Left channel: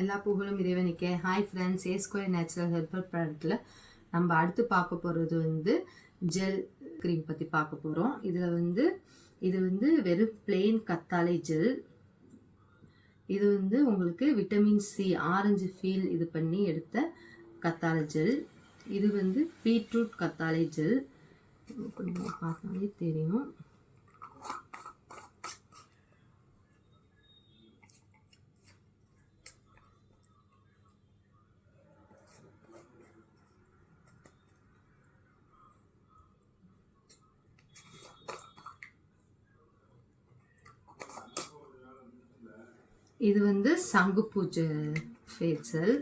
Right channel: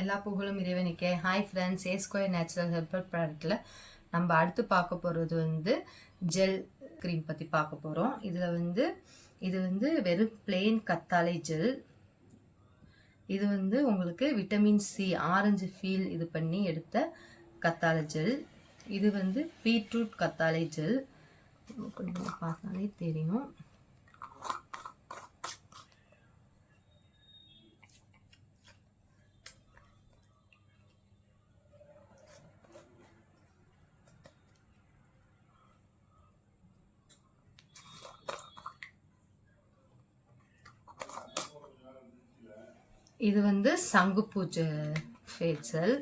எல்லா புகழும் இறைவனுக்கே. ஹாய் ஃப்ரெண்ட்ஸ், ஏ ஸ்கொயர் நேச்சுரல் ஹெர்பல் ப்ராடக்ட்டில் நம்ம அடுத்து பார்க்க போகிறது வந்து ஜெல் க்ரீம் பற்றி பார்க்க போகிறோம். இது வந்து வெறும் பிளெயின் கத்தாழை ஜெல். இது வந்து உங்களுக்கு விட்டமின் சி ஆரஞ்சு ஃபீல் இது பண்ணி எடுத்த கத்தாழை ஜெல். இது வந்து பீட்ரூட் கத்தாழை ஜெல். கொஞ்சம் பார்த்தாலே தெரியும். இது வந்து சங்குப்பூ ஃபேஷியல்.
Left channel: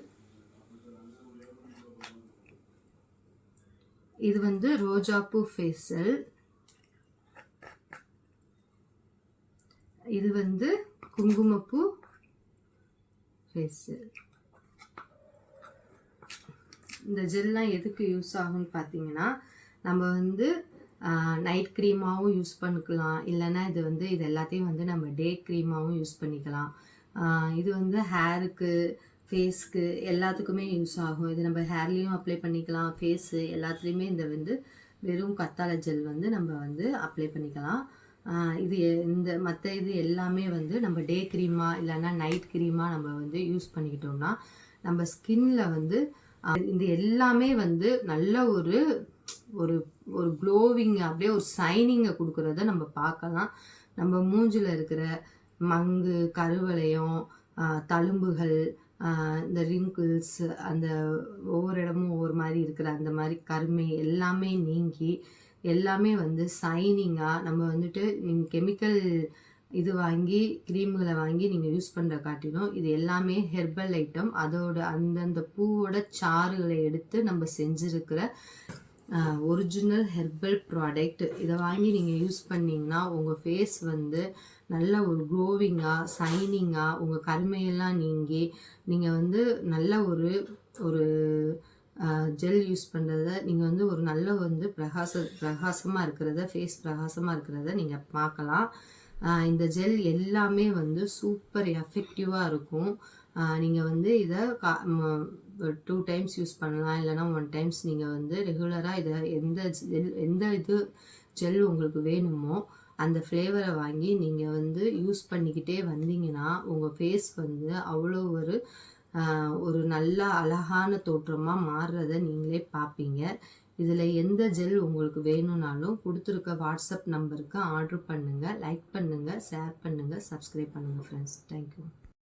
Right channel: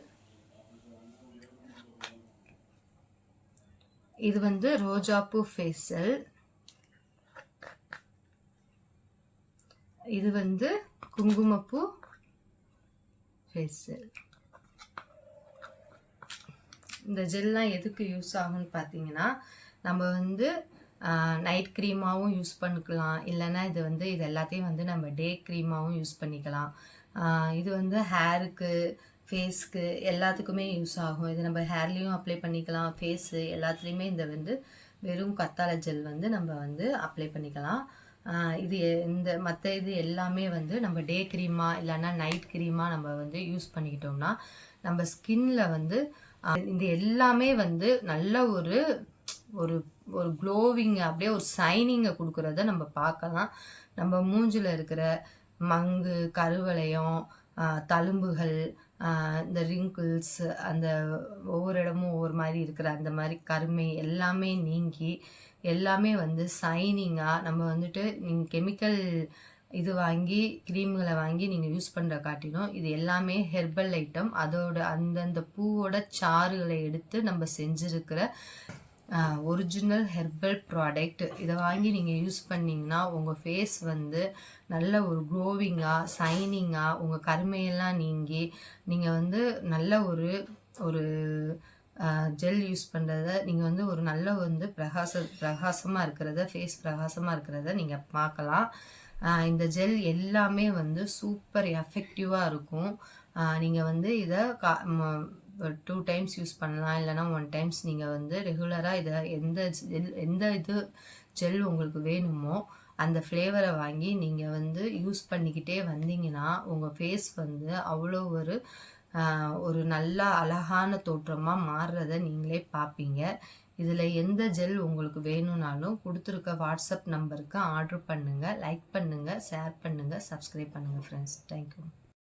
இது வந்து ரோஜாப்பூ ஃபேஷியல். இது வந்து குங்குமப்பூ ஃபேஷியல். இந்த ஜெல்லாம் எதுக்கு யூஸ் ஆகும்னு பார்த்தீங்கன்னா, நம்ம வந்து நைட் க்ரீமாகவும் யூஸ் பண்ணிக்கலாம், இல்லைன்னா இது எல்லாத்தையும் வந்து நம்ம டே க்ரீமாகவும் யூஸ் பண்ணிக்கலாம். இது வந்து ஹேருக்கு, ஃபேஸ்க்கு எல்லாத்துக்குமே யூஸ் ஆகும். இது நம்ம ஹேர்லேயும் அப்ளை பண்ணிக்கலாம், ஃபேஸு எல்லாத்துலேயுமே இந்த வெறும் கத்தாழை ஜெல் வந்து நம்ம வந்து அப்ளை பண்ணிக்கலாம். மற்ற இது எல்லாமே வந்து நம்ம டே க்ரீமாக இல்லைன்னா நைட் க்ரீமாக நம்ம வந்து யூஸ் பண்ணிக்கிட்டோம்னா நம்ம ஸ்கின்ல வந்து இது எல்லாமே வந்து நல்ல ஒரு ஒரு ஒரு க்ளோவிங், அப்படியே ஒரு சைனிங்கை கொடுக்குறத நம்ம பார்க்கலாம். நம்ம மூஞ்சில் இருக்கிற மங்கு, கருவளையம், தழும்புகள், இந்த ரிங்கிள்ஸ், அந்த ஒவ்வொரு இடமும் ஒவ்வொரு மாதிரி இருக்கிற அந்த மாதிரி கருமை எல்லாமே நீங்கி எல்லாமே வந்து சைனிங்காக நம்ம வந்துட்டு கெமிக்கல் இது வாங்கி க்ரீம்களை வாங்கி நீங்கள் யூஸ் பண்ணுற காட்டிலும் இது எல்லாமே ஹெர்பல் ஐட்டம். அதோட அந்தந்த பூவோட சாறுகளை எடுத்து நம்ம செஞ்சுருக்கிற ஒரிஜினல் ஹெர்பல் ப்ராடக்ட். இதை வாங்கி நீங்கள் யூஸ் பண்ணிங்கன்னா உங்கள் ஃபேஸ் வந்து நல்ல ஒரு க்ளோவிங்காக, சைனிங்காக, உங்கள் கருமையெல்லாம் நீங்கி நீங்கள் வந்து நல்ல ஒரு ஒரு ஜெல் யூஸ் பண்ணுறத நீங்கள் வந்து ஒரு நல்ல வந்து பிரகாசமாக இருக்கிறத, ஃபேஸ் பிரகாசமாக இருக்கிறத நீங்கள் பார்க்கலாம். இந்த ஜெல் எல்லாமே வந்து சூப்பர் எஃபெக்டிவாக இருக்கும். நீங்கள் வந்து இதை 2 டைம்ஸ் யூஸ் பண்ணலாம், இல்லைனா 1 டைம்ஸ். நீங்கள் வந்து ரெகுலராக இதை எந்த ஜெல் உங்களுக்கு வேணுமோ அந்த ஃப்ளேவரை வாங்கி நீங்கள் வந்து யூஸ் பண்ணிக்கிட்டே வந்தீங்கன்னா உங்கள் ஃபேஸ் வந்து அவ்வளோ ஒரு நல்ல அழகான தோற்றமாக மாறுறத நீங்களே பார்ப்பீங்க. இதில் எந்த ஜெல் உங்களுக்கு வேணும்னாலும் கொடுத்துருக்க வாட்ஸ்அப் நம்பருக்கு ஆர்டர் பண்ணுங்கள். லைக் பண்ணுங்கள், ஷேர் பண்ணுங்கள், சப்ஸ்கிரைப் பண்ணுங்கள் ஃப்ரெண்ட்ஸ். தேங்க்யூ.